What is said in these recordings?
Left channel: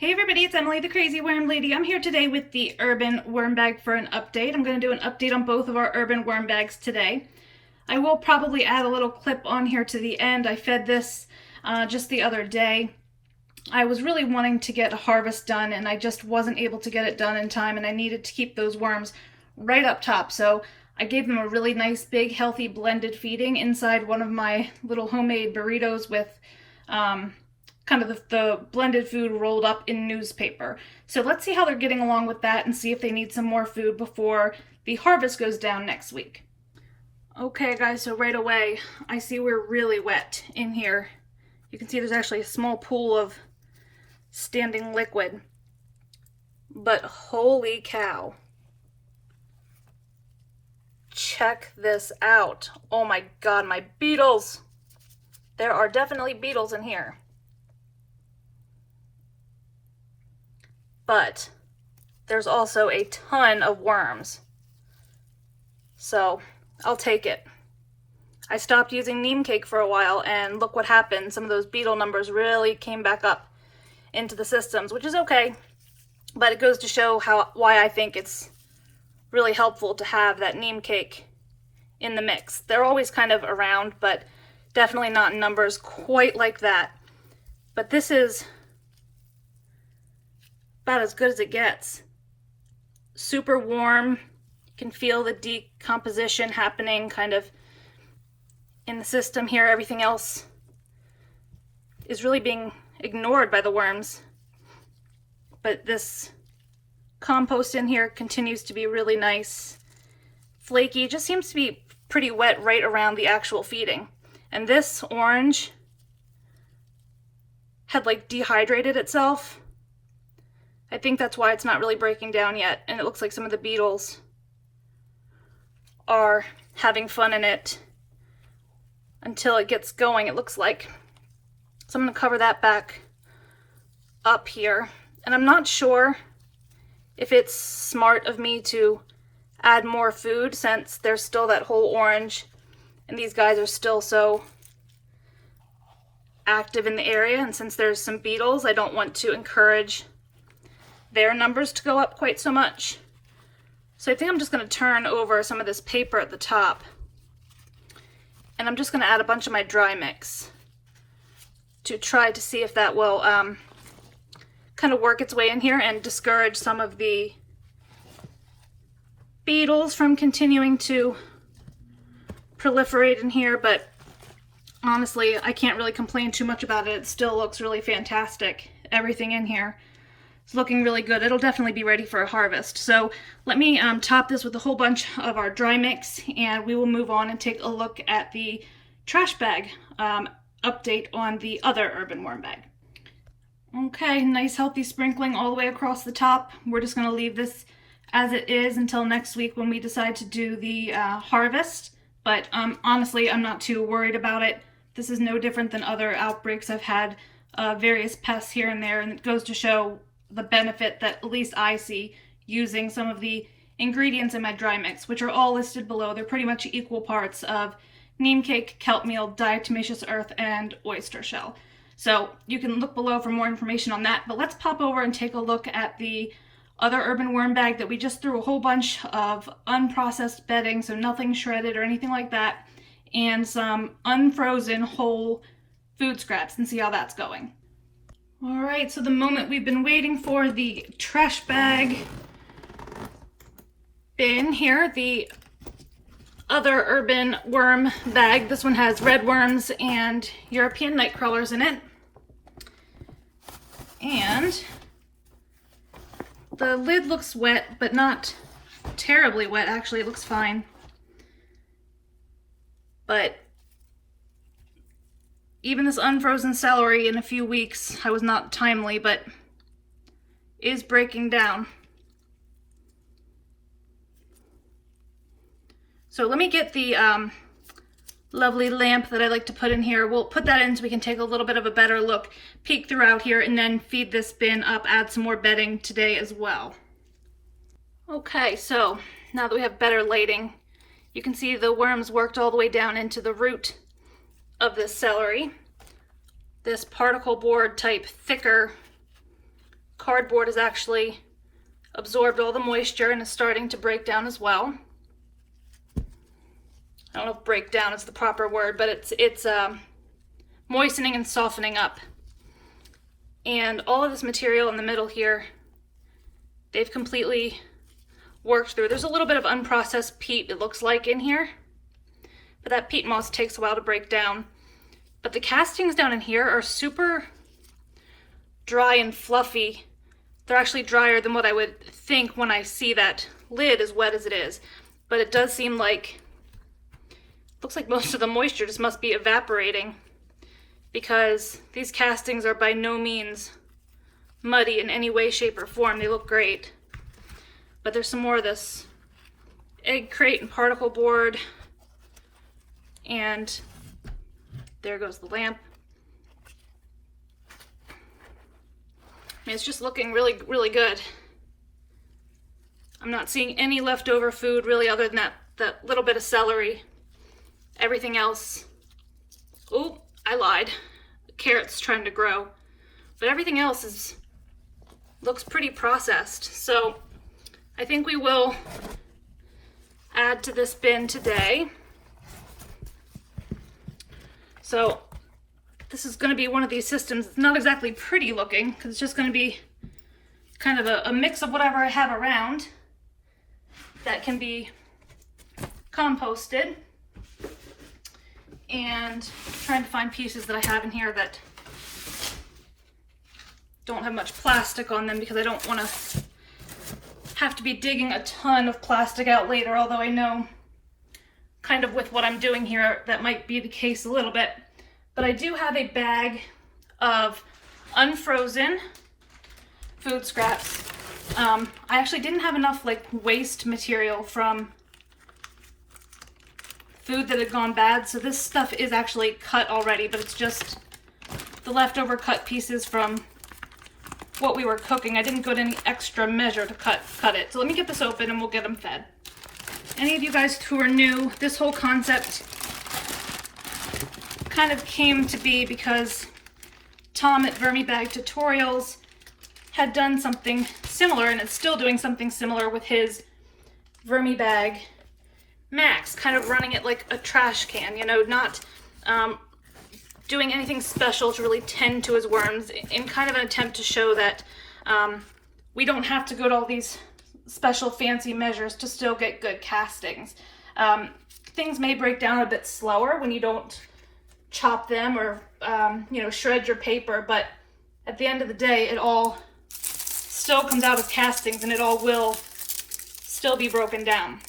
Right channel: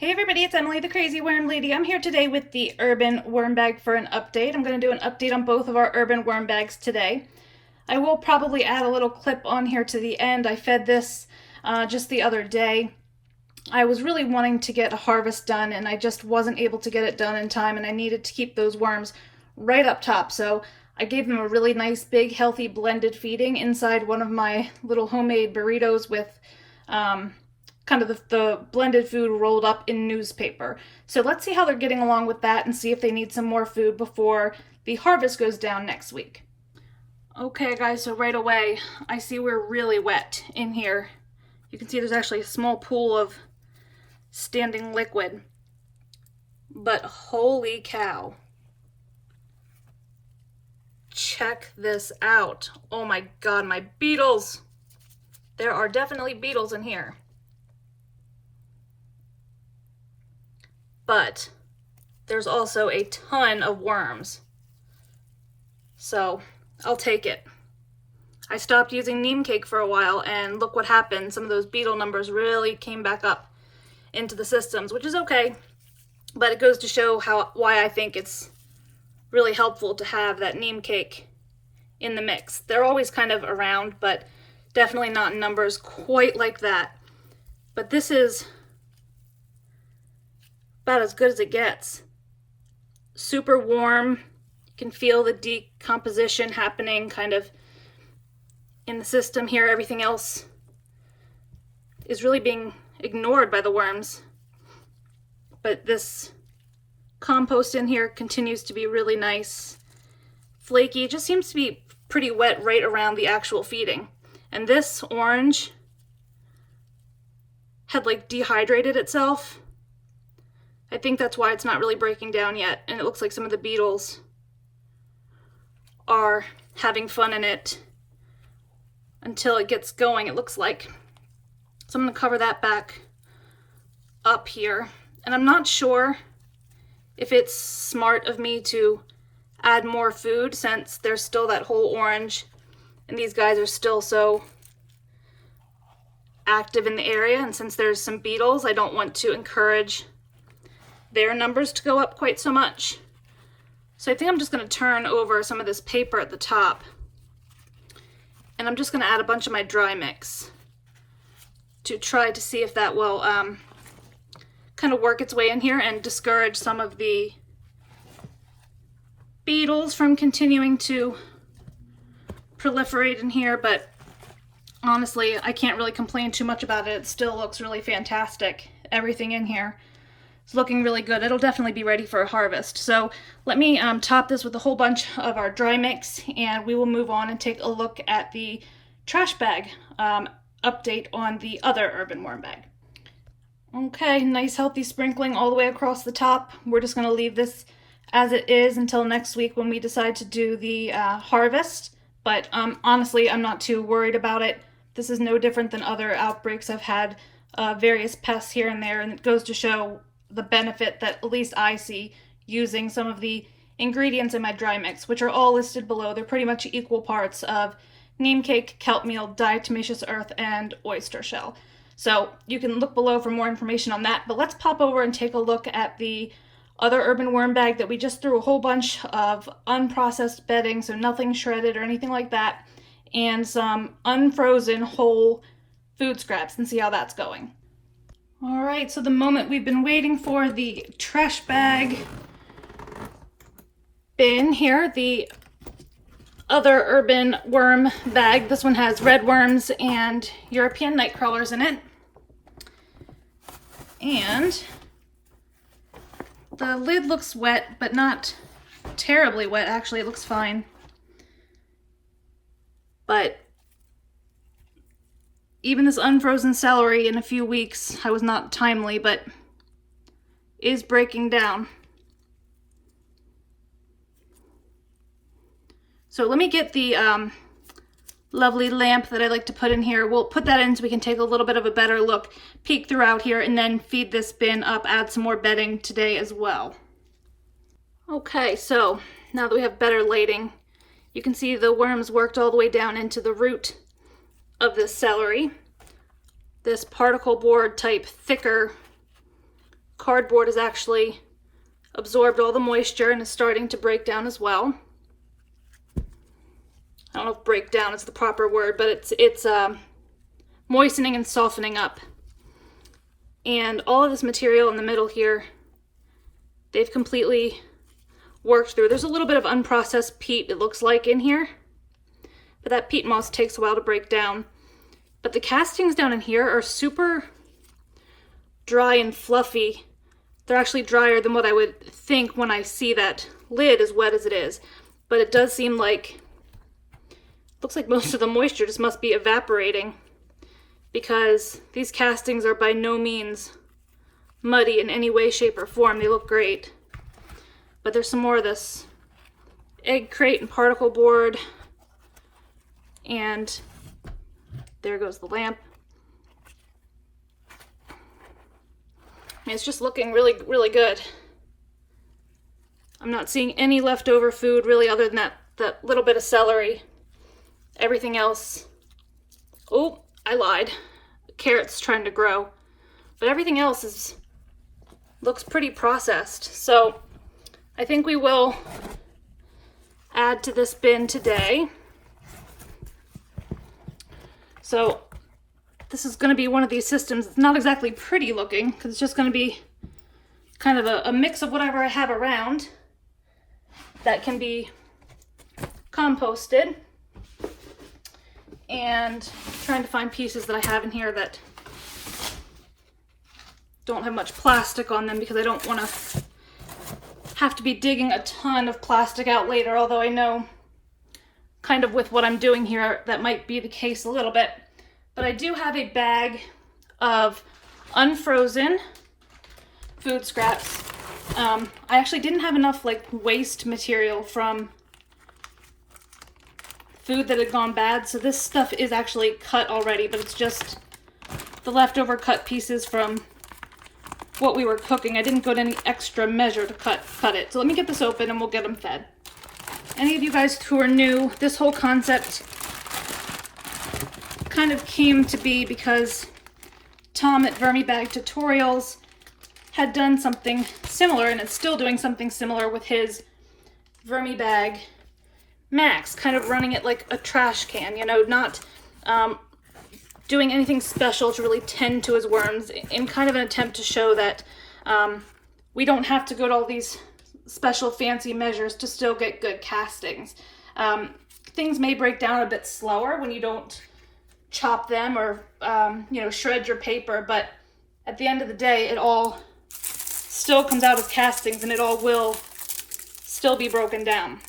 Hey everybody, it's Emily the Crazy Worm Lady. I'm here today with the urban worm bag for an update. I'm going to do an update on both of our urban worm bags today. I will probably add a little clip on here to the end. I fed this just the other day. I was really wanting to get a harvest done and I just wasn't able to get it done in time, and I needed to keep those worms right up top. So I gave them a really nice big healthy blended feeding inside one of my little homemade burritos with kind of the blended food rolled up in newspaper. So let's see how they're getting along with that and see if they need some more food before the harvest goes down next week. Okay guys, so right away I see we're really wet in here. You can see there's actually a small pool of standing liquid. But holy cow. Check this out. Oh my god, my beetles. There are definitely beetles in here. But there's also a ton of worms. So I'll take it. I stopped using neem cake for a while and look what happened. Some of those beetle numbers really came back up into the systems, which is okay. But it goes to show why I think it's really helpful to have that neem cake in the mix. They're always kind of around, but definitely not in numbers quite like that. But this is about as good as it gets. Super warm. You can feel the decomposition happening kind of in the system here. Everything else is really being ignored by the worms. But this compost in here continues to be really nice. Flaky. It just seems to be pretty wet right around the actual feeding. And this orange had like dehydrated itself. I think that's why it's not really breaking down yet, and it looks like some of the beetles are having fun in it until it gets going, it looks like. So I'm going to cover that back up here, and I'm not sure if it's smart of me to add more food since there's still that whole orange and these guys are still so active in the area, and since there's some beetles, I don't want to encourage their numbers to go up quite so much. So I think I'm just going to turn over some of this paper at the top, and I'm just going to add a bunch of my dry mix to try to see if that will kind of work its way in here and discourage some of the beetles from continuing to proliferate in here. But honestly, I can't really complain too much about it. It still looks really fantastic. Everything in here is looking really good. It'll definitely be ready for a harvest. So let me top this with a whole bunch of our dry mix, and we will move on and take a look at the trash bag update on the other urban worm bag. Okay, nice healthy sprinkling all the way across the top. We're just going to leave this as it is until next week when we decide to do the harvest. But honestly, I'm not too worried about it. This is no different than other outbreaks I've had, various pests here and there, and it goes to show the benefit that at least I see using some of the ingredients in my dry mix, which are all listed below. They're pretty much equal parts of neem cake, kelp meal, diatomaceous earth, and oyster shell. So you can look below for more information on that, but let's pop over and take a look at the other urban worm bag that we just threw a whole bunch of unprocessed bedding, so nothing shredded or anything like that, and some unfrozen whole food scraps, and see how that's going. All right, so the moment we've been waiting for, the trash bag bin here, the other urban worm bag. This one has red worms and European night crawlers in it. And the lid looks wet, but not terribly wet. Actually, it looks fine. But even this unfrozen celery in a few weeks, I was not timely, but is breaking down. So let me get the lovely lamp that I like to put in here. We'll put that in so we can take a little bit of a better look, peek throughout here, and then feed this bin up, add some more bedding today as well. Okay, so now that we have better lighting, you can see the worms worked all the way down into the root of this celery. This particle board type thicker cardboard has actually absorbed all the moisture and is starting to break down as well. I don't know if break down is the proper word, but it's moistening and softening up. And all of this material in the middle here, they've completely worked through. There's a little bit of unprocessed peat, it looks like, in here, but that peat moss takes a while to break down. But the castings down in here are super dry and fluffy. They're actually drier than what I would think when I see that lid as wet as it is. But it does seem like, looks like most of the moisture just must be evaporating, because these castings are by no means muddy in any way, shape, or form. They look great. But there's some more of this egg crate and particle board. And there goes the lamp. And it's just looking really, really good. I'm not seeing any leftover food really other than that little bit of celery. Everything else, oh, I lied. The carrot's trying to grow. But everything else looks pretty processed. So I think we will add to this bin today. So this is going to be one of these systems. It's not exactly pretty looking, because it's just going to be kind of a mix of whatever I have around that can be composted. And trying to find pieces that I have in here that don't have much plastic on them, because I don't want to have to be digging a ton of plastic out later, although I know kind of with what I'm doing here that might be the case a little bit. But I do have a bag of unfrozen food scraps. I actually didn't have enough like waste material from food that had gone bad, so this stuff is actually cut already, but it's just the leftover cut pieces from what we were cooking. I didn't go to any extra measure to cut it. So let me get this open and we'll get them fed. Any of you guys who are new, this whole concept kind of came to be because Tom at Vermibag Tutorials had done something similar, and it's still doing something similar with his Vermibag Max, kind of running it like a trash can, you know, not doing anything special to really tend to his worms, in kind of an attempt to show that we don't have to go to all these special fancy measures to still get good castings. Things may break down a bit slower when you don't chop them or you know, shred your paper, but at the end of the day it all still comes out as castings, and it all will still be broken down.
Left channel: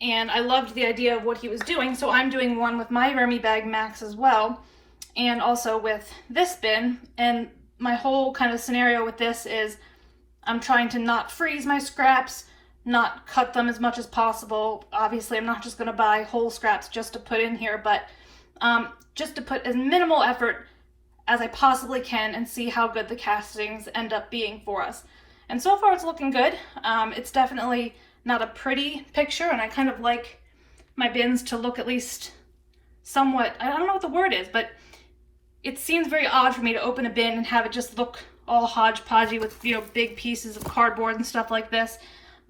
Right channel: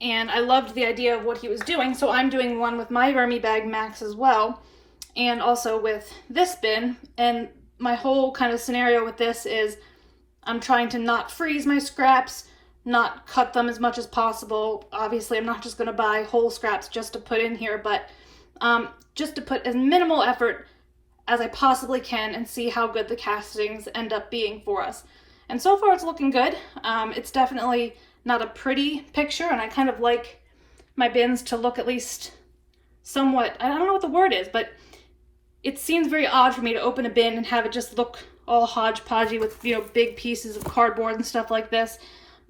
And I loved the idea of what he was doing, so I'm doing one with my Vermibag Max as well, and also with this bin. And my whole kind of scenario with this is I'm trying to not freeze my scraps, not cut them as much as possible. Obviously, I'm not just going to buy whole scraps just to put in here, but just to put as minimal effort as I possibly can and see how good the castings end up being for us. And so far it's looking good. It's definitely not a pretty picture, and I kind of like my bins to look at least somewhat, I don't know what the word is, but it seems very odd for me to open a bin and have it just look all hodgepodgey with, you know, big pieces of cardboard and stuff like this.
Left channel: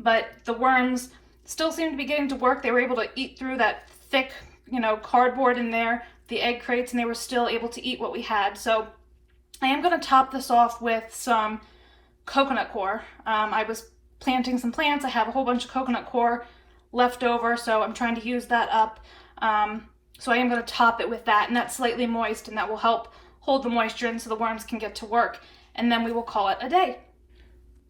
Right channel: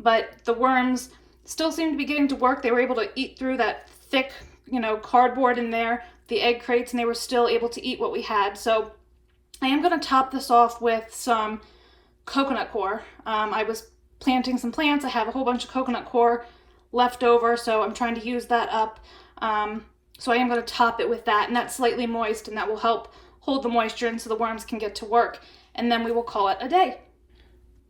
But the worms still seem to be getting to work. They were able to eat through that thick, you know, cardboard in there, the egg crates, and they were still able to eat what we had. So I am going to top this off with some coconut coir. I was planting some plants. I have a whole bunch of coconut coir left over, so I'm trying to use that up. So I am going to top it with that, and that's slightly moist, and that will help hold the moisture in so the worms can get to work, and then we will call it a day.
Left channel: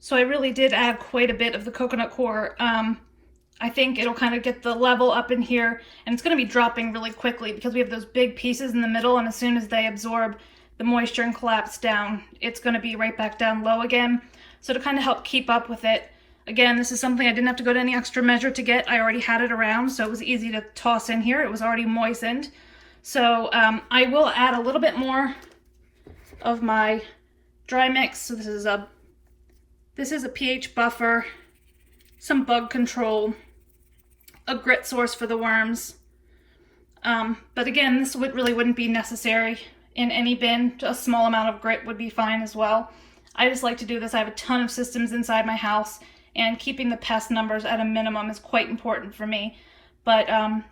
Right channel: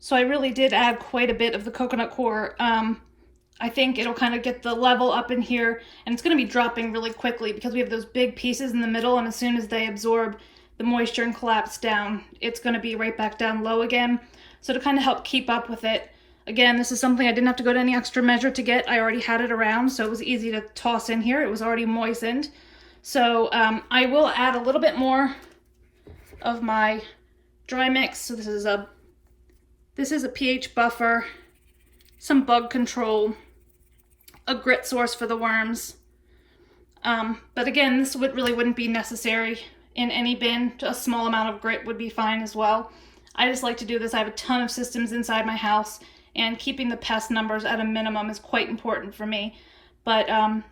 So I really did add quite a bit of the coconut coir. I think it'll kind of get the level up in here, and it's going to be dropping really quickly because we have those big pieces in the middle, and as soon as they absorb the moisture and collapse down, it's going to be right back down low again. So to kind of help keep up with it, again, this is something I didn't have to go to any extra measure to get. I already had it around, so it was easy to toss in here. It was already moistened. So I will add a little bit more of my dry mix. So this is a pH buffer, some bug control, a grit source for the worms. But again, this really wouldn't be necessary in any bin. A small amount of grit would be fine as well. I just like to do this. I have a ton of systems inside my house, and keeping the pest numbers at a minimum is quite important for me. But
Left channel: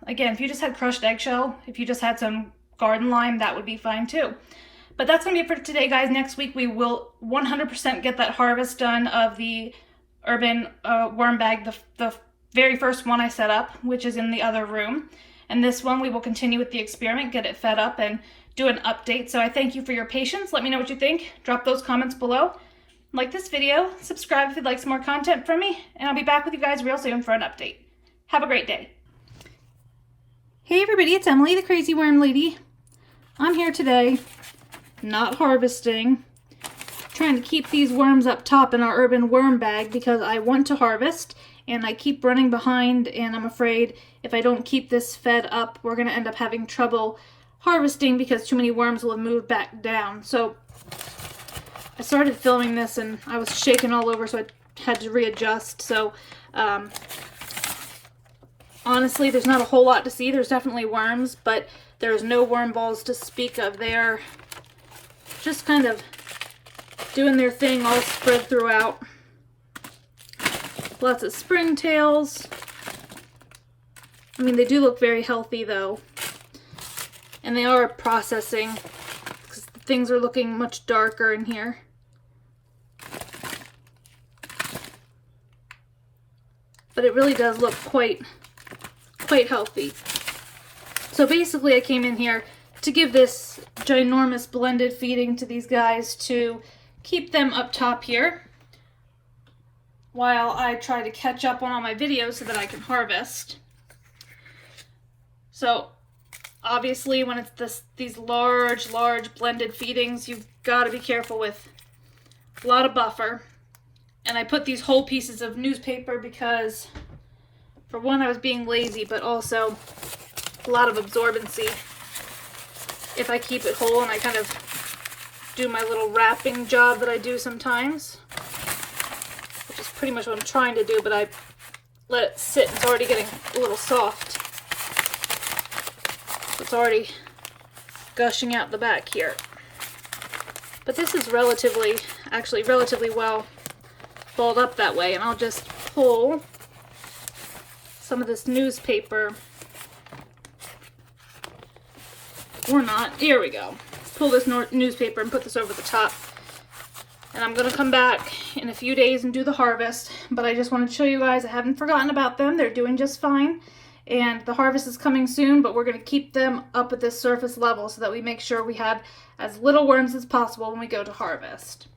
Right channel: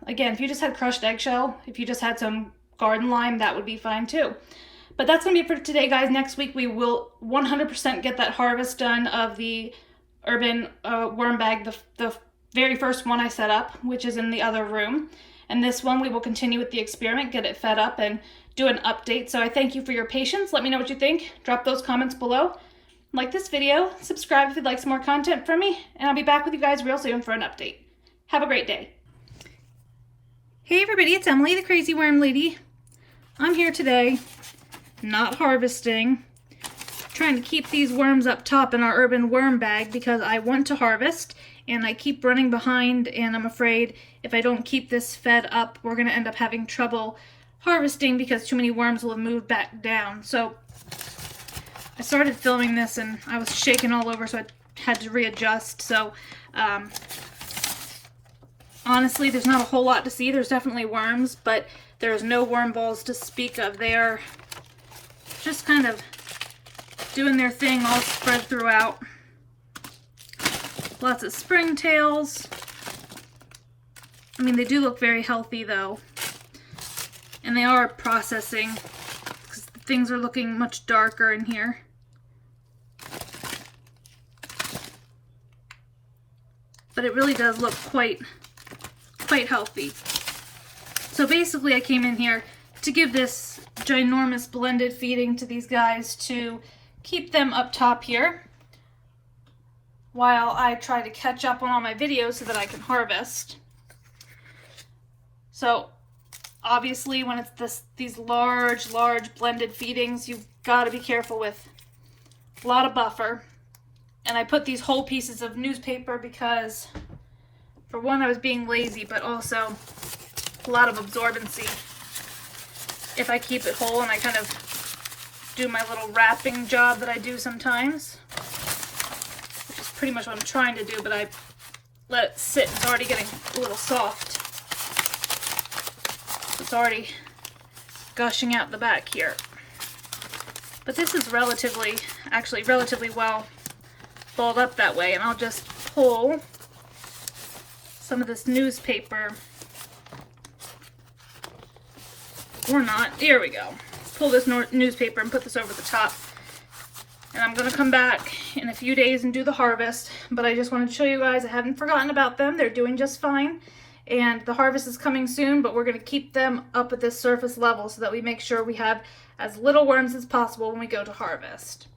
again, if you just had crushed eggshell, if you just had some garden lime, that would be fine too. But that's going to be it for today, guys. Next week we will 100% get that harvest done of the urban worm bag, the very first one I set up, which is in the other room. And this one we will continue with the experiment, get it fed up, and do an update. So I thank you for your patience. Let me know what you think. Drop those comments below. Like this video, subscribe if you'd like some more content from me, and I'll be back with you guys real soon for an update. Have a great day. Hey everybody, it's Emily, the Crazy Worm Lady. I'm here today, not harvesting, trying to keep these worms up top in our urban worm bag because I want to harvest, and I keep running behind, and I'm afraid if I don't keep this fed up, we're going to end up having trouble harvesting because too many worms will have moved back down. So I started filming this and I was shaking all over, so I had to readjust. So honestly, there's not a whole lot to see. There's definitely worms, but there's no worm balls to speak of. They're just kind of doing their thing all spread throughout. Lots of springtails. I mean, they do look very healthy though. And they are processing because things are looking much darker in here. But it really does look quite healthy. So basically I came in here to give this ginormous blended feeding to these guys to keep them up top here while I try to catch up on all my videos so that I can harvest. So obviously when it's these large blended feedings, you've got to be careful with a lot of buffer. And I put these whole pieces of newspaper because, for one, I was being lazy, but also a lot of absorbency if I keep it whole, and I kind of do my little wrapping job that I do sometimes, which is pretty much what I'm trying to do, but I let it sit. It's already getting a little soft. It's already gushing out the back here. But this is actually relatively well balled up that way, and I'll just pull some of this newspaper, or not, here we go. Pull this newspaper and put this over the top. And I'm going to come back in a few days and do the harvest, but I just wanted to show you guys I haven't forgotten about them. They're doing just fine. And the harvest is coming soon, but we're going to keep them up at this surface level so that we make sure we have as little worms as possible when we go to harvest.